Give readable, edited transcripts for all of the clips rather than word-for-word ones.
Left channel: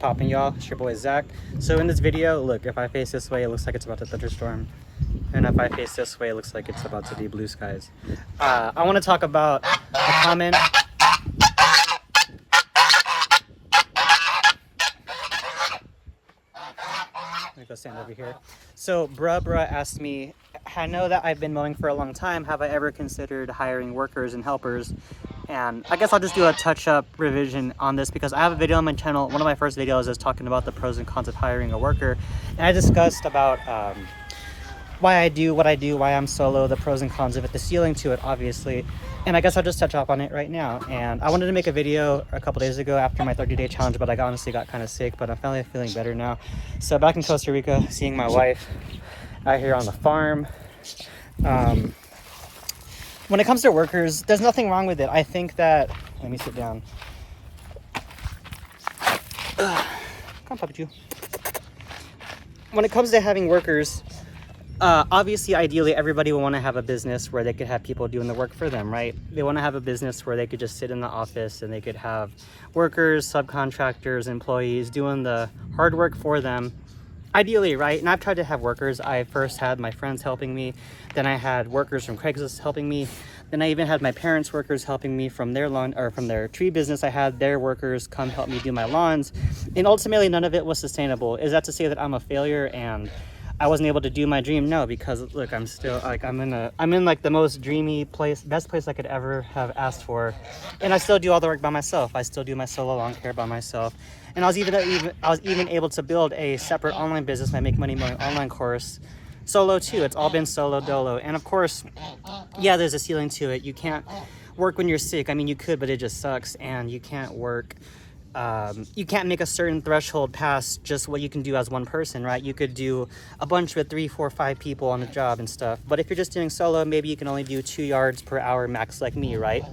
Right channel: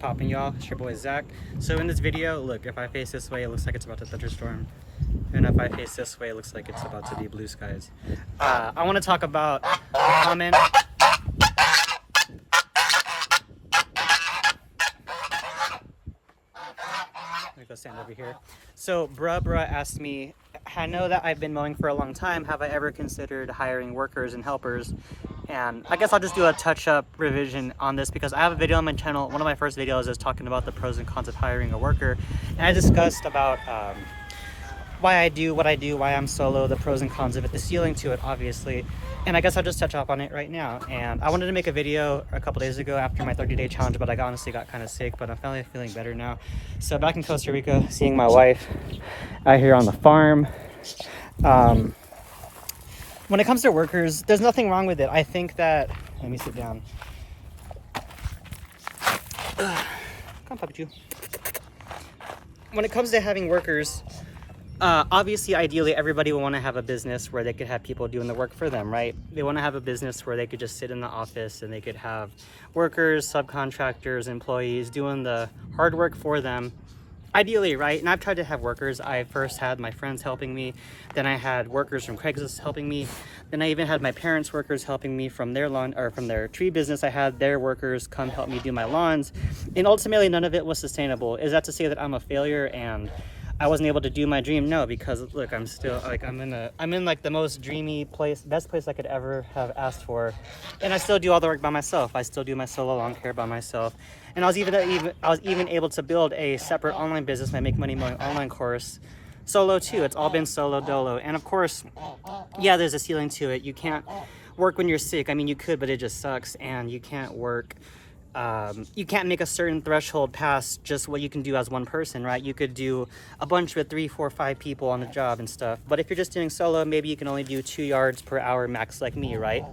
poppin', y'all? It's your boy Zach. So in this video, look, if I face this way, it looks like it's about to thunderstorm, and if I face this way, it looks like it's about to be blue skies. I want to talk about a comment. Let me go stand over here. So bruh asked me, I know that I've been mowing for a long time, have I ever considered hiring workers and helpers? And I guess I'll just do a touch-up revision on this because I have a video on my channel. One of my first videos is talking about the pros and cons of hiring a worker, and I discussed about why I do what I do, why I'm solo, the pros and cons of it, the ceiling to it, obviously. And I guess I'll just touch up on it right now. And I wanted to make a video a couple days ago after my 30-day challenge, but I honestly got kind of sick, but I'm finally feeling better now. So back in Costa Rica, seeing my wife out here on the farm. When it comes to workers, there's nothing wrong with it. I think that, let me sit down. Come puppy you. When it comes to having workers, obviously, ideally, everybody will want to have a business where they could have people doing the work for them, right? They want to have a business where they could just sit in the office and they could have workers, subcontractors, employees doing the hard work for them. Ideally, right? And I've tried to have workers. I first had my friends helping me. Then I had workers from Craigslist helping me. Then I even had my parents' workers helping me from their lawn or from their tree business. I had their workers come help me do my lawns. And ultimately, none of it was sustainable. Is that to say that I'm a failure and I wasn't able to do my dream? No, because look, I'm still like, I'm in like the most dreamy place, best place I could ever have asked for. And I still do all the work by myself. I still do my solo lawn care by myself. And I was even able to build a separate online business, my Make Money Mowing online course, solo too. It's all been solo dolo. And of course, yeah, there's a ceiling to it. You can't work when you're sick. I mean, you could, but it just sucks. And you can't work. You can't make a certain threshold past just what you can do as one person, right? You could do a bunch with 3, 4, 5 people on a job and stuff. But if you're just doing solo, maybe you can only do 2 yards per hour max like me, right?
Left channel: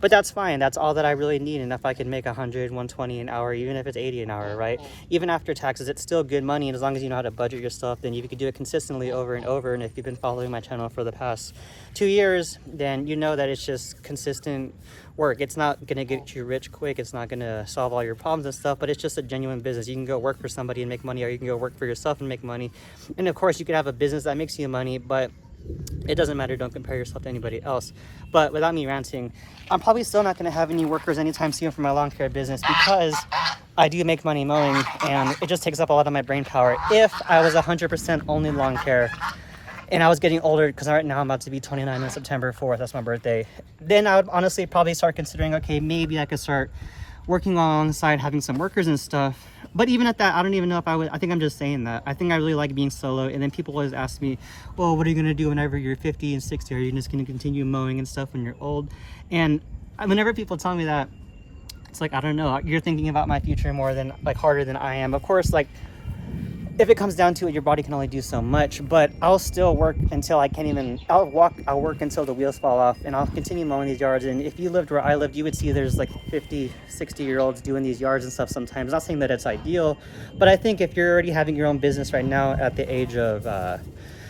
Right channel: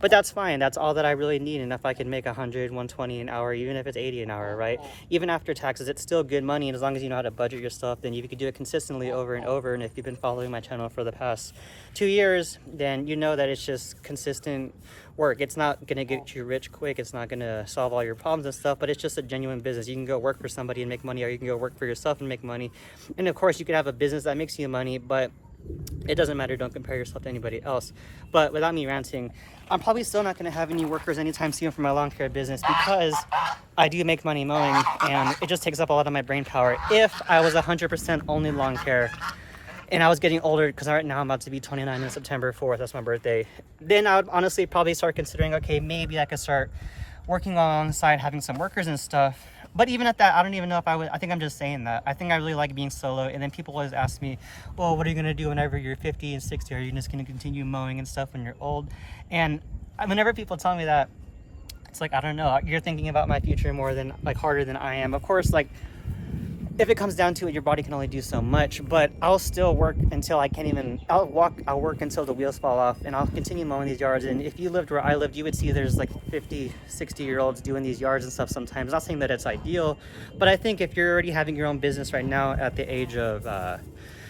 But that's fine. That's all that I really need. And if I can make 100, 120 an hour, even if it's 80 an hour, right? Even after taxes, it's still good money. And as long as you know how to budget your stuff, then you can do it consistently over and over. And if you've been following my channel for the past 2 years, then you know that it's just consistent work. It's not going to get you rich quick. It's not going to solve all your problems and stuff, but it's just a genuine business. You can go work for somebody and make money, or you can go work for yourself and make money. And of course, you could have a business that makes you money, but it doesn't matter. Don't compare yourself to anybody else. But without me ranting, I'm probably still not going to have any workers anytime soon for my lawn care business because I do make money mowing and it just takes up a lot of my brain power. If I was 100% only lawn care and I was getting older, because right now I'm about to be 29 on September 4th, that's my birthday, then I would honestly probably start considering, okay, maybe I could start working alongside having some workers and stuff. But even at that, I don't even know if I would. I think I'm just saying that. I think I really like being solo. And then people always ask me, well, what are you going to do whenever you're 50 and 60? Are you just going to continue mowing and stuff when you're old? And whenever people tell me that, it's like, I don't know. You're thinking about my future more than, like, harder than I am. Of course, like, if it comes down to it, your body can only do so much, but I'll still work until I can't even, I'll work until the wheels fall off, and I'll continue mowing these yards. And if you lived where I lived, you would see there's like 50, 60-year-olds doing these yards and stuff sometimes. Not saying that it's ideal, but I think if you're already having your own business right now at the age of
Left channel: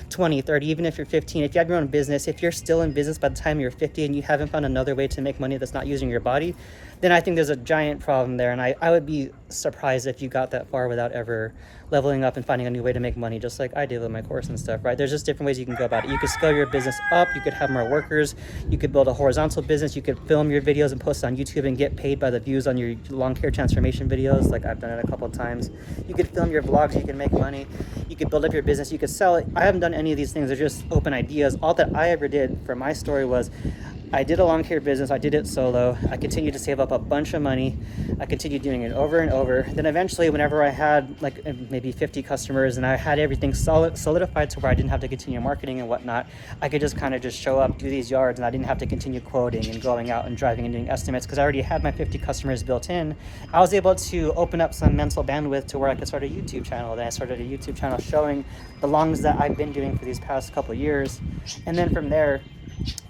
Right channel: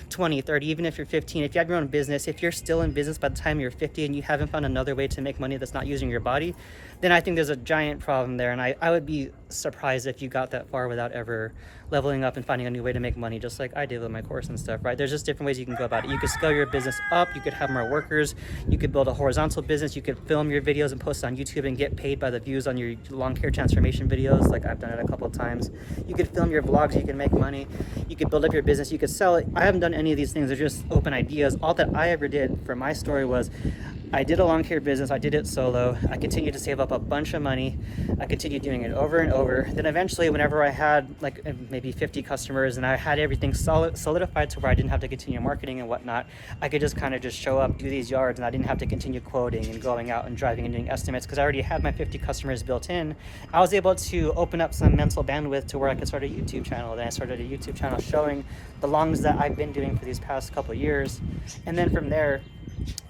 20, 30, even if you're 15, if you have your own business, if you're still in business by the time you're 50 and you haven't found another way to make money that's not using your body, then I think there's a giant problem there. And I would be surprised if you got that far without ever leveling up and finding a new way to make money, just like I did with my course and stuff, right? There's just different ways you can go about it. You could scale your business up, you could have more workers, you could build a horizontal business, you could film your videos and post on YouTube and get paid by the views on your lawn care transformation videos, like I've done it a couple of times. You could film your vlogs, you can make money, you could build up your business, you could sell it. I haven't done any of these things, they're just open ideas. All that I ever did for my story was I did a lawn care business, I did it solo, I continued to save up a bunch of money, I continued doing it over and over. Then eventually, whenever I had like maybe 50 customers and I had everything solidified to where I didn't have to continue marketing and whatnot, I could just kind of just show up, do these yards, and I didn't have to continue quoting and going out and driving and doing estimates because I already had my 50 customers built in. I was able to open up some mental bandwidth to where I could start a YouTube channel. Then I started a YouTube channel showing the lawns that I've been doing for these past couple of years. And then from there,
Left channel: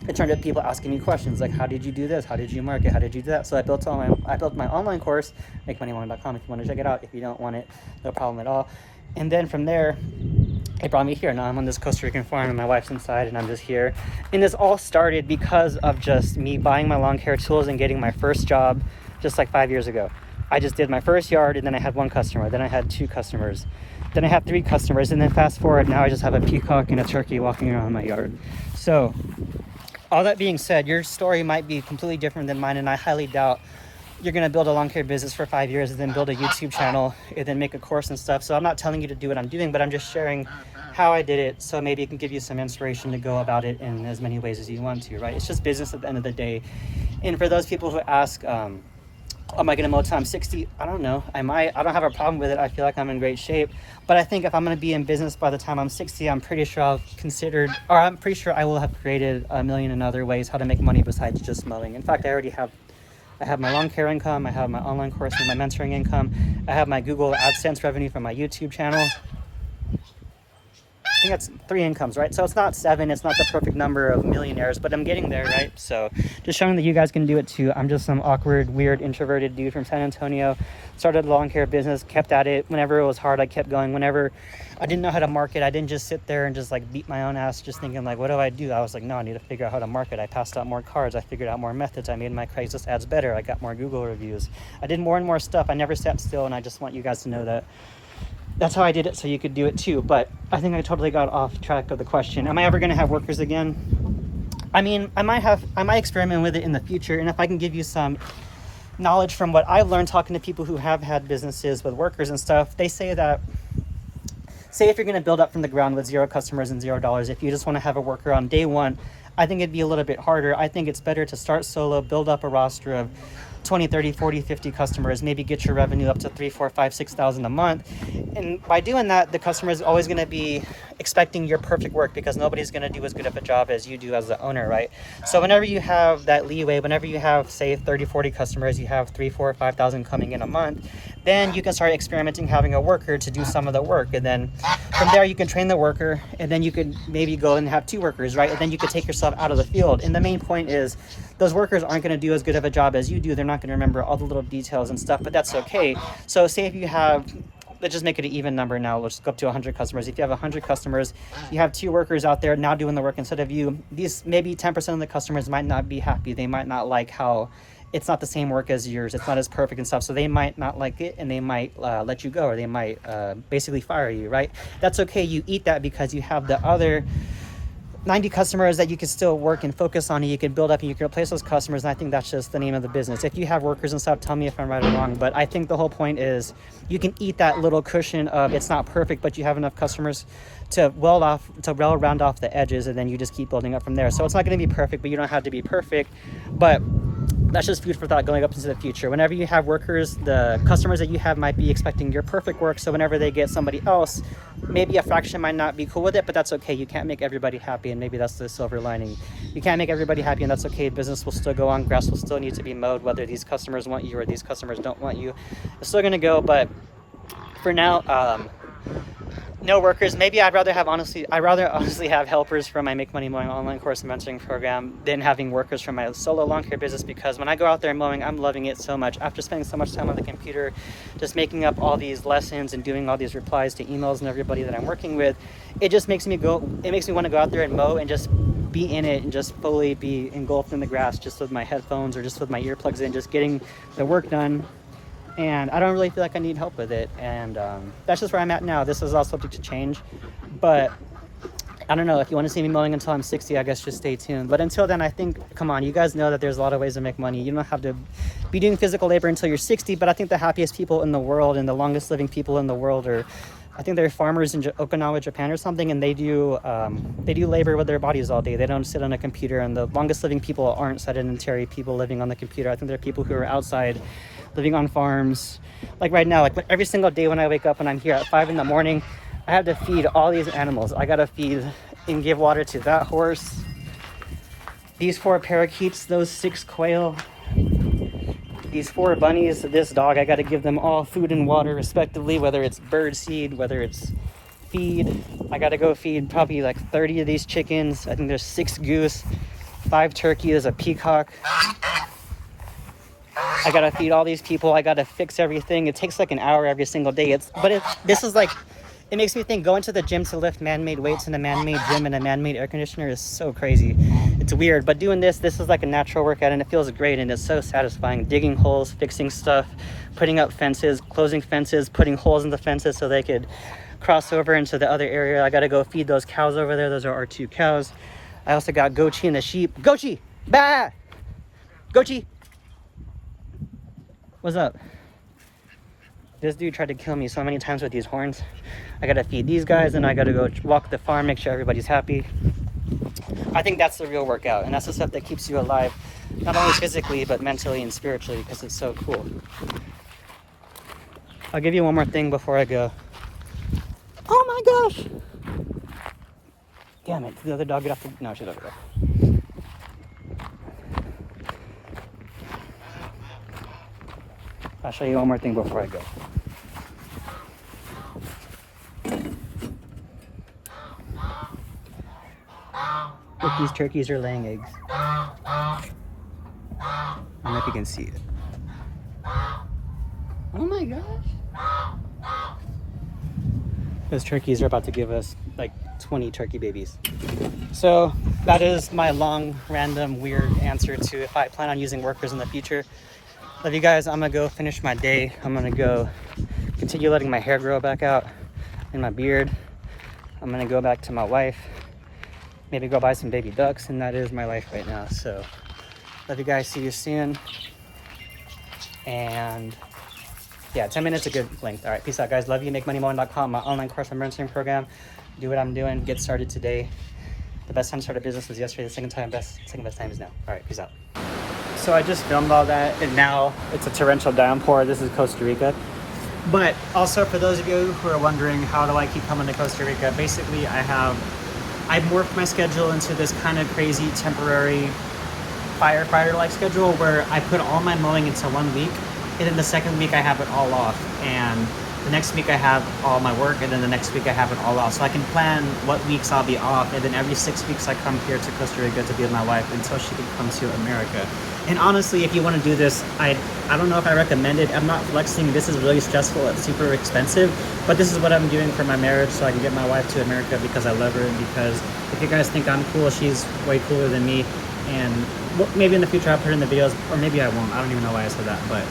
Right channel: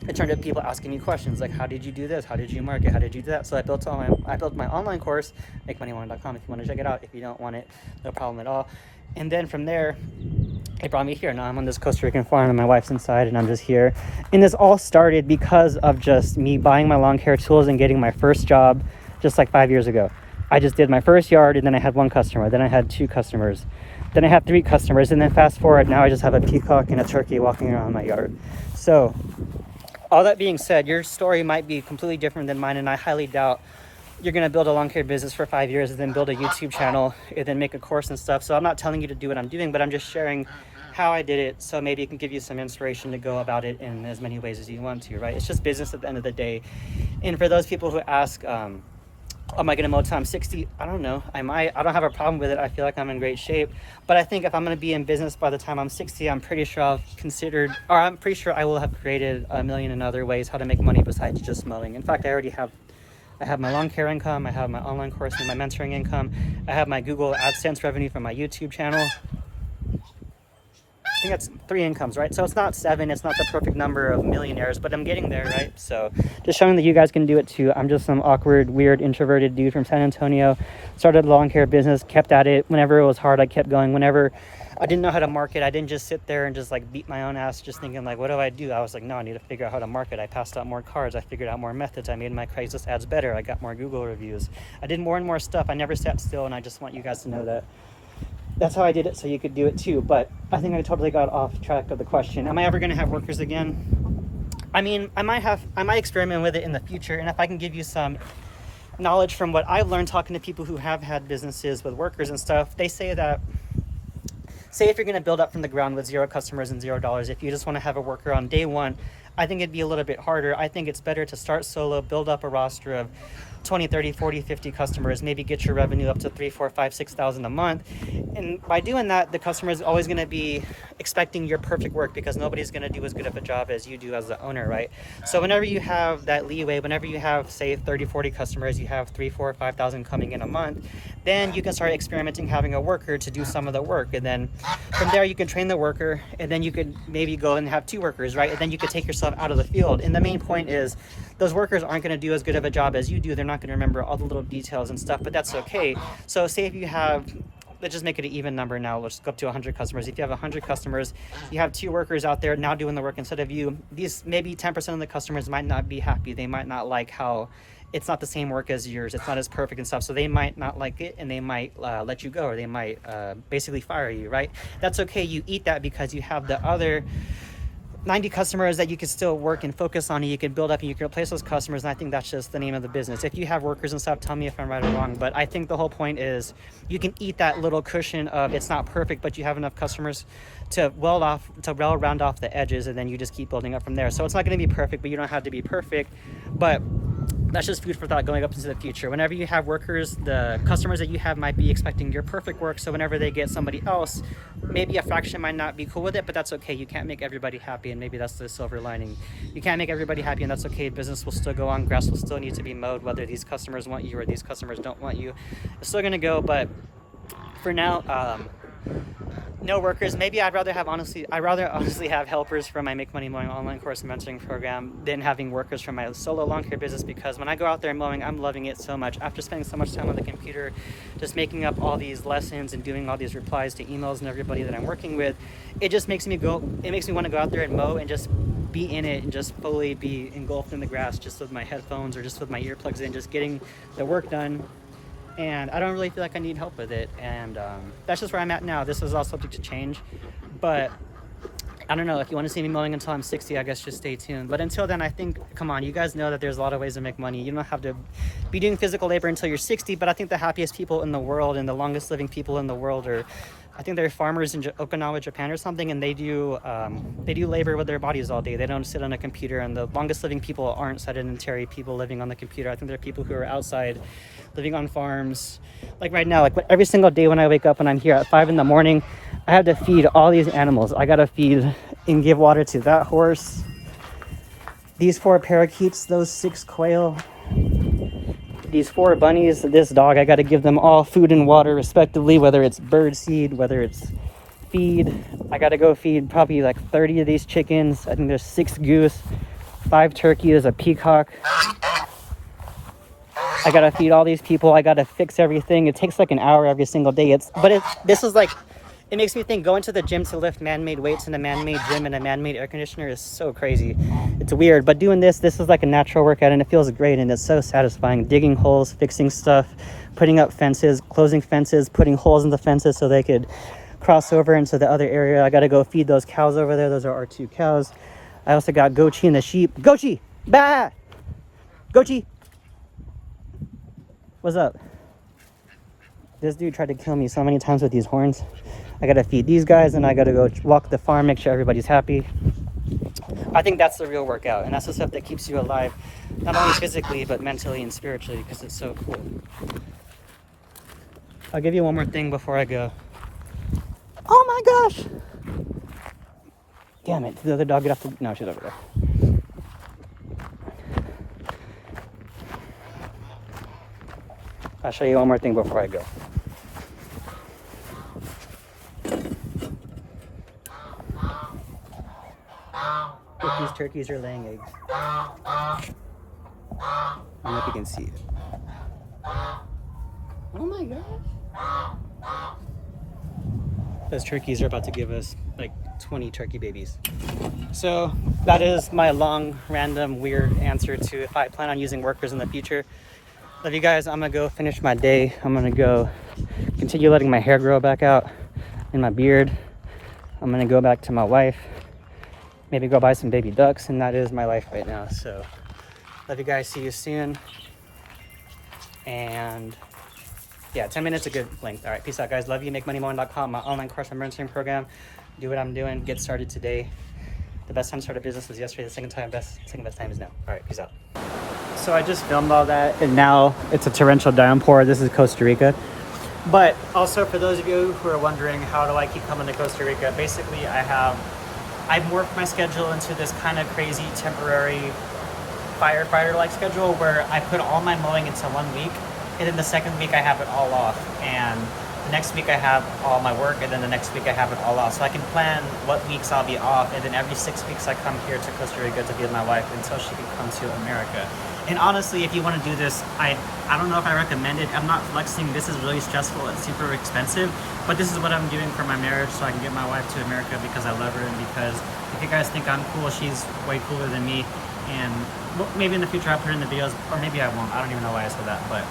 it turned out people asking me questions like, how did you do this? How did you market? How did you do that? So I built my online course, MakeMoneyMowing.com, if you want to check it out. If you don't want it, no problem at all. And then from there, it brought me here. Now I'm on this Costa Rican farm and my wife's inside and I'm just here. And this all started because of just me buying my lawn care tools and getting my first job just like 5 years ago. I just did my first yard, and then I had 1 customer, then I had 2 customers, then I had 3 customers, and then fast forward, now I just have a peacock and a turkey walking around my yard. So all that being said, your story might be completely different than mine, and I highly doubt you're going to build a lawn care business for 5 years and then build a YouTube channel and then make a course and stuff. So I'm not telling you to do what I'm doing, but I'm just sharing how I did it, so maybe it can give you some inspiration to go about it in as many ways as you want to, right? It's just business at the end of the day. And for those people who ask, am I going to mow till I'm 60? I don't know. I might. I don't have a problem with it. I feel like I'm in great shape. But I think if I'm going to be in business by the time I'm 60, I'm pretty sure I will have created a million and other ways how to make money besides just mowing. In fact, I have my lawn care income, I have my online course and my mentoring income, I have my Google AdSense revenue from my YouTube channel. I think that's 3 incomes, right? So it's not 7, it's not the perfect number of millionaires, but I'm getting there, right? So just showing that you guys can do it too. I'm just some awkward, weird, introverted dude from San Antonio. Started a lawn care business, kept at it. Whenever it was hard, I kept going. Whenever I didn't know how to market, I didn't just sit there and just like beat my own ass just thinking like, what do I do? I was like, no, I need to figure out how to market. I passed out more cards. I figured out more methods. I made my Craigslist ads better. I got more Google reviews. I did more and more stuff. I never sat still, and I just want you guys to know that that's how I did it, so you could do it too. But I think I totally got off track of the question. Am I ever going to have workers again? I mean, I might experiment with it in the future, and if I can give you some knowledge from what I've learned talking to people who have had businesses with workers and stuff, they say that, say if you're going to build up from the ground with 0 customers and $0, if you just want to have a worker on day 1, I think it'd be a little bit harder. I think it's better to start solo, build up a roster of 20, 30, 40, 50 customers, maybe get your revenue up to 3, 4, 5, 6,000 a month. And by doing that, the customer is always going to be expecting your perfect work, because nobody's going to do as good of a job as you do as the owner, right? So whenever you have that leeway, whenever you have, say, 30, 40 customers, you have 3, 4, 5,000 coming in a month, then you can start experimenting having a worker to do some of the work. And then from there, you can train the worker, and then you could maybe go and have 2 workers, right? And then you could take yourself out of the field. And the main point is those workers aren't going to do as good of a job as you do. They're not going to remember all the little details and stuff, but that's okay. So say if you have, let's just make it an even number now. Let's go up to 100 customers. If you have 100 customers, you have 2 workers out there now doing the work instead of you. These maybe 10% of the customers might not be happy. They might not like how it's not the same work as yours. It's not as perfect and stuff. So they might not like it, and they might let you go, or they might basically fire you, right? That's okay. You eat that because you have the other 90 customers that you can still work and focus on, and you can build up and you can replace those customers. And I think that's just the name of the business. If you have workers and stuff, tell me if I'm right or wrong, but I think the whole point is you can eat that little cushion of it's not perfect, but you have enough customers to well round off the edges, and then you just keep building up from there. So it's not going to be perfect, but you don't have to be perfect. But that's just food for thought going up into the future. Whenever you have workers, the customers that you have might be expecting your perfect work. So whenever they get somebody else, maybe a fraction might not be cool with it, but that's okay. You can't make everybody happy, and maybe that's the silver lining. You can't make everybody happy, and that's okay. Business will still go on. Grass will still need to be mowed, whether these customers want you or these customers don't want you. It's still going to go, but for now, no workers. Maybe I'd rather honestly have helpers from my Make Money Mowing online course and mentoring program than having workers from my solo lawn care business, because when I go out there mowing, I'm loving it so much. After spending so much time on the computer, just making up all these lessons and doing all these replies to emails and everybody that I'm working with, it just makes me want to go out there and mow and just be in it and just fully be engulfed in the grass, just with my headphones or just with my earplugs in, just getting the work done. And I don't really feel like I need help with it. And that's just where I'm at now. This is all subject to change. But I don't know. If you want to see me mowing until I'm 60, I guess just stay tuned. But until then, I think, come on, you guys know that there's a lot of ways to make money. You don't have to be doing physical labor until you're 60. But I think the happiest people in the world and the longest living people in the world are, I think they're farmers in Okinawa, Japan or something. And they do labor with their bodies all day. They don't sit on a computer. And the longest living people aren't sedentary people living on the computer. I think they're people who are outside, living on farms. Like right now, like every single day when I wake up and I'm here at 5 a.m, I have to feed all these animals. I gotta feed and give water to that horse, these 4 parakeets, those 6 quail, these 4 bunnies, this dog. I gotta give them all food and water respectively, whether it's bird seed, whether it's feed. I gotta go feed probably like 30 of these chickens. I think there's 6 goose, 5 turkey, there's a peacock. I gotta feed all these people. I gotta fix everything. It takes like an hour every single day. It makes me think going to the gym to lift man-made weights in a man-made gym and a man-made air conditioner is so crazy. It's weird, but doing this is like a natural workout, and it feels great, and it's so satisfying. Digging holes, fixing stuff, putting up fences, closing fences, putting holes in the fences so they could cross over into the other area. I gotta go feed those cows over there. Those are our 2 cows. I also got Gochi and the sheep. Gochi! Bah! Gochi! What's up? This dude tried to kill me so many times with these horns. I gotta feed these guys and I gotta go walk the farm, make sure everybody's happy. I think that's the real workout, and that's the stuff that keeps you alive, not only physically, but mentally and spiritually, because it's so cool. I'll give you one more thing before I go. Oh my gosh! Damn it, did the other dog get off the... No, she's over there. I'll show you one more thing before I go. Look, these turkeys are laying eggs. I don't know if you can see it. Oh my gosh! Those turkeys are about to give us like 20 turkey babies. So that is my long, random, weird answer to if I plan on using workers in the future. Love you guys. I'm gonna go finish my day. I'm gonna go continue letting my hair grow back out and my beard. I'm gonna go back to my wife, maybe go buy some baby ducks, and that is my life right now. So love you guys. See you soon. And yeah, 10 minutes a good length. All right, peace out, guys. Love you. MakeMoneyMowing.com, my online course on mentoring program. Do what I'm doing. Get started today. The best time to start a business was yesterday. The second best time is now. All right, peace out. So I just filmed all that, and now it's a torrential downpour. This is Costa Rica. But also, for those of you who are wondering, how do I keep coming to Costa Rica? Basically, I've morphed my schedule into this kind of crazy temporary firefighter-like schedule where I put all my mowing into 1 week, and then the second week I have it all off, and the next week I have all my work, and then the next week I have it all off. So I can plan what weeks I'll be off, and then every 6 weeks I come here to Costa Rica to be with my wife until she can come to America. And honestly, if you want to do this, I don't know if I recommend it. I'm not flexing. This is really stressful. It's super expensive. But this is what I'm doing for my marriage, so I can get my wife to America because I love her, and because if you guys think I'm cool, she's way cooler than me. And maybe in the future I'll put it in the videos, or maybe I won't. I don't even know why I said that, but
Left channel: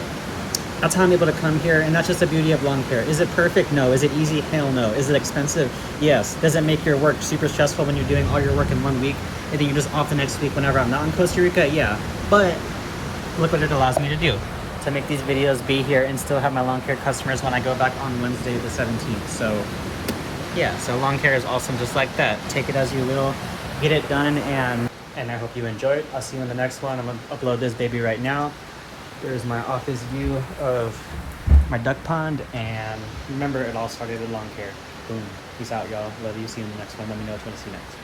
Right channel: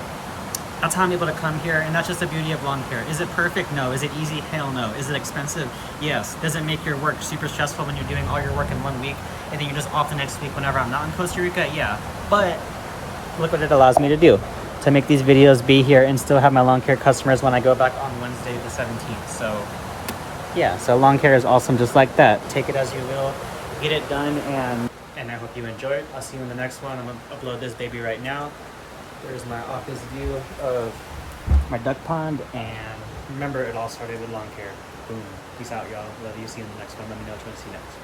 that's how I'm able to come here, and that's just the beauty of lawn care. Is it perfect? No. Is it easy? Hell no. Is it expensive? Yes. Does it make your work super stressful when you're doing all your work in 1 week, and then you're just off the next week whenever I'm not in Costa Rica? Yeah. But look what it allows me to do. To make these videos, be here, and still have my lawn care customers when I go back on Wednesday the 17th. So yeah, so lawn care is awesome just like that. Take it as you will. Get it done, and I hope you enjoy it. I'll see you in the next one. I'm going to upload this baby right now. There's my office view of my duck pond, and remember, it all started with lawn care. Boom. Peace out, y'all. Love you. See you in the next one. Let me know what you want to see next.